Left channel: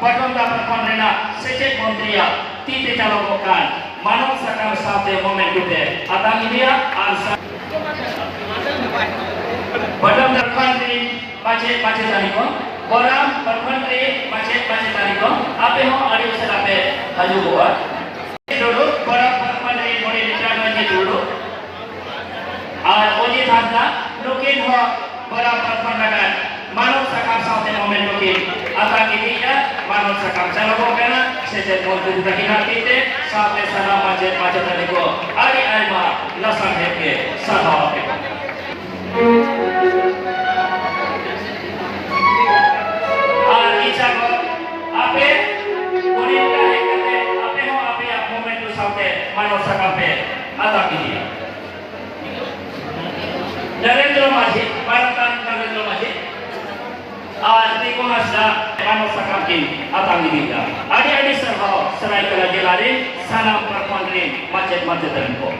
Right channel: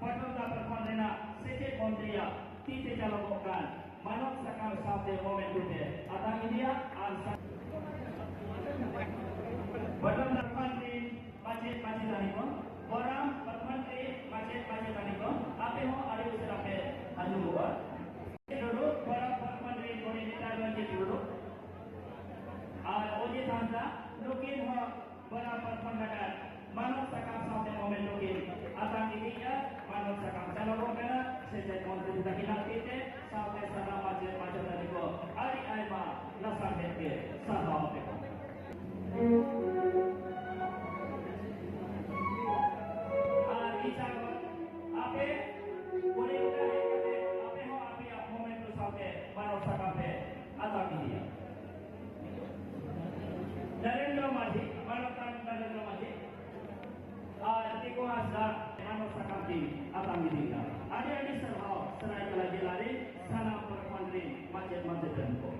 Batonda Perkhon Rena Secret Montria Tite Calokokan Manok Sakam Sate Momen Gute Atang India Arsa Badam Perkhon Ri Pace Taniko Boram Perkhon Ri Pace Taniko Ape Ho Adi Userape Haju Buat Dulu Boram Perkhon Ri Moni Litan Wajib dulu Oji Thanda Nukin Ho Boram Perkhon Nagan Manok Sakam Sate Momen Nukin Atang India Manok Sakam Calokokan Secret Montria Tite Sate Sana Pace Taniko Ari Alma Lasang Heke Sana Narendra Modi, Bharatan Narendra Modi, Tiko Hasda, Manok Sakakin, Atang India. Adi Serhau, Serai Kelajilari, Sanam Perkhon Ri, Macet Taniko.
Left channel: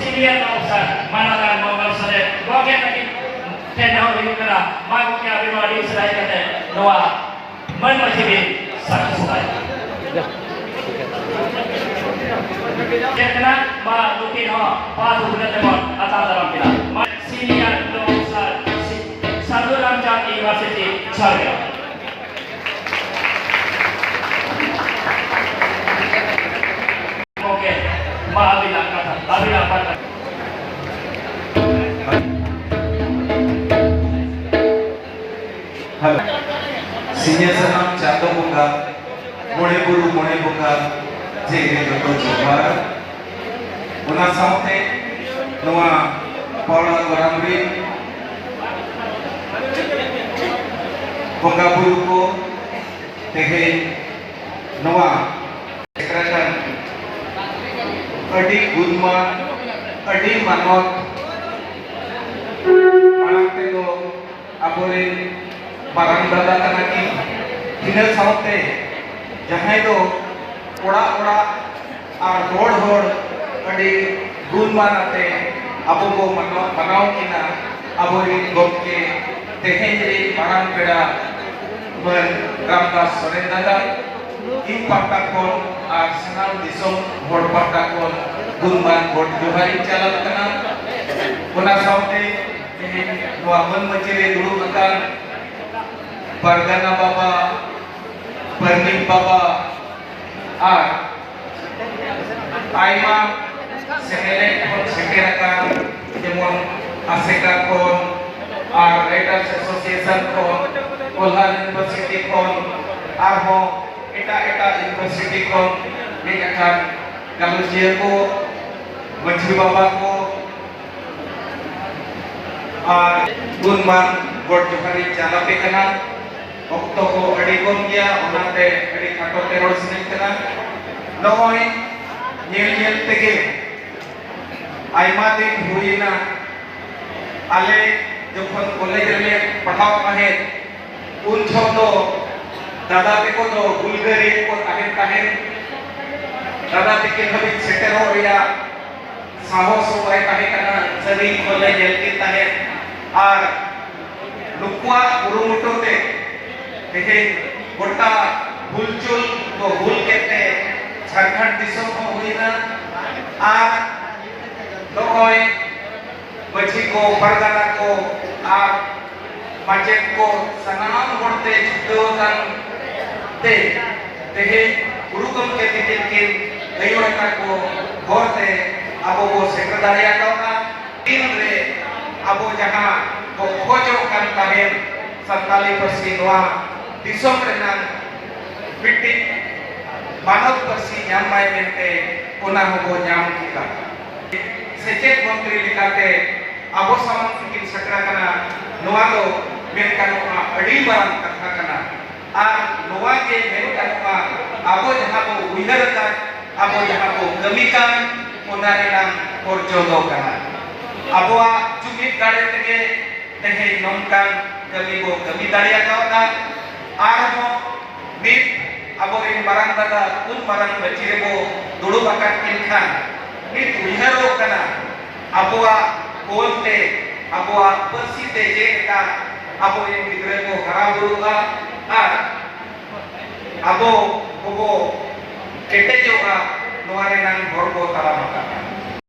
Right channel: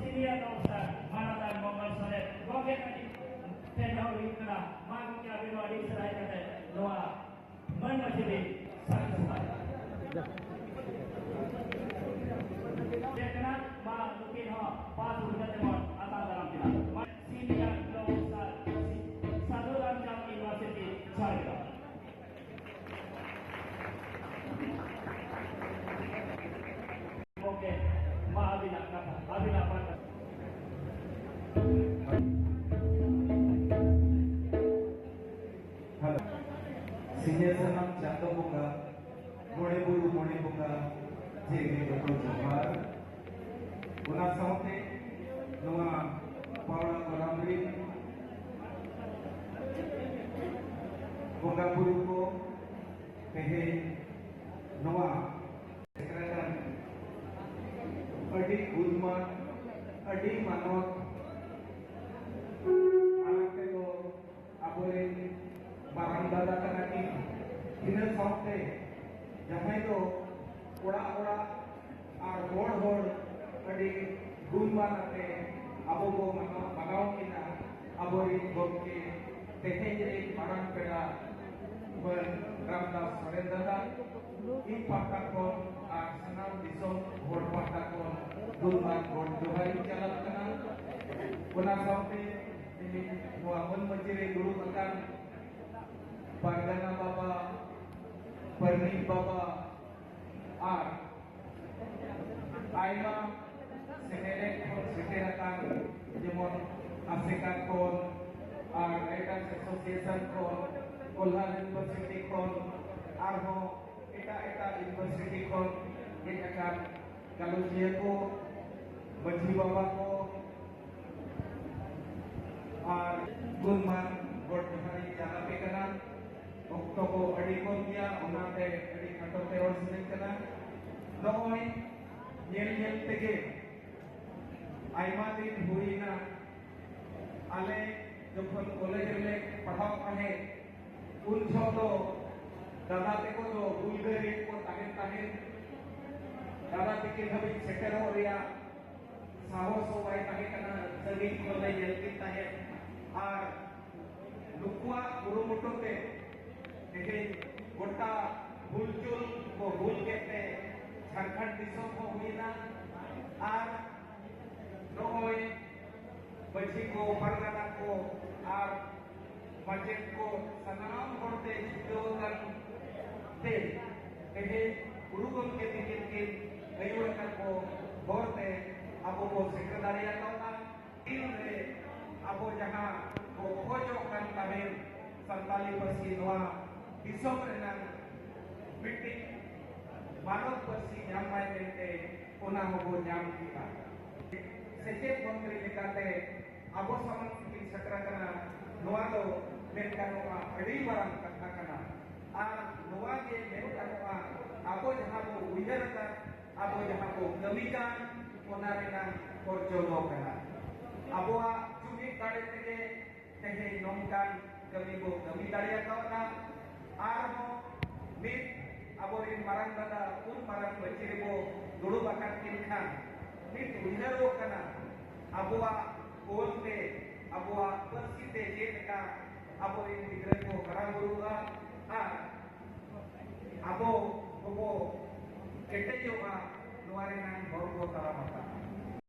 Senior officer, Manakan Mongol Sare, Gogen lagi Tenda Hori Kera, Magu Kya Bimari Serai Kate, Noah, Manmasibi, Satu Serai. Jekna, Ma Lukin Ho, Padu Budatemon, Atal Dalam Pila. Senior officer, Satu Ramjak University, Sarga. Oke, Ma Abila Kata, Abila Kata. Senior Sanam Chato Buka, Moneburu Monebuka, Jay Joto Chopara, Una Saute, Noah, Paula Goramri, Bungaburuko, Tehe, Noah, Secretary, Adi Gudma, Adi Manok, Manaktego, Aborin, Barang Dada Kanaki, Ina Saute, Jahaido, Oda, our Lord, Adi Gunmanate, Abugo Manau Kina, Aborin Gopke, Tehendri, Barang Peda, Ramdas Sorendada, Impaktakon, Arsenal Disong, Borpaktakon, Gunman, Bord Johari Chalat Kana, Puna Saute, Nuaman Majire Dulu Makan, Pargana Baba, Pernim Baba, Ar Aima, Sehelek Kon Sekerakan, Jemon Aseka Kon, Ar Writers Association Kon, Kolhan University Kon, Arho, Eta University Kon, Mekakan, Galusia Ko, Majri Baba Ko, Ar Gunman, Bord Johari Chalape Kana, Okto ko adi kon gya onate adi khato terror sinek kana noy nyel tege aima din huina ale jokhon college re padhaw kahe un chhodo dada te ko do bulgari ko tahen dada te ke bhabi setter ho reya sahos ho ai kahe kana sari college elki tahen ar lukwa urumuto te देखे गोटा हुलचुल तो हुल कहते झारखंड दिसों को हुई ना are लोगों बच्ची को परगना को आर मजेक को सनाम बढ़ते जुटो kan te देखे गुरुकुल के दिखे अयों का को घोरते अबो वो सेक्रेटरिया का टीम रे अबो जहाँ को खोजो kan tahen Santali Persinwa Disong Renang Bitik Manok Persi Nyamai Mente Una Hobo Nyam Kita Secet Montri Likate Abo Samang Bikin Sakrakana Nualo Menkanoa Adiban Kakakana Nuake Menkanoa Abo Jahabo Widarakat Abo Jahabo Gemikan Una Renang Porjodo Kana Aboa Jumit Gare Tege Tehe Nongkang kami bo kami daya kawana armo nit aborin marang daga kun marang bacire bo dulu bakat inkan nit wiharo kana aboa kolte aboa persite je ka abo yang gidre bo haraburu ar abo kobo kete joka nuare nang borbo talamaka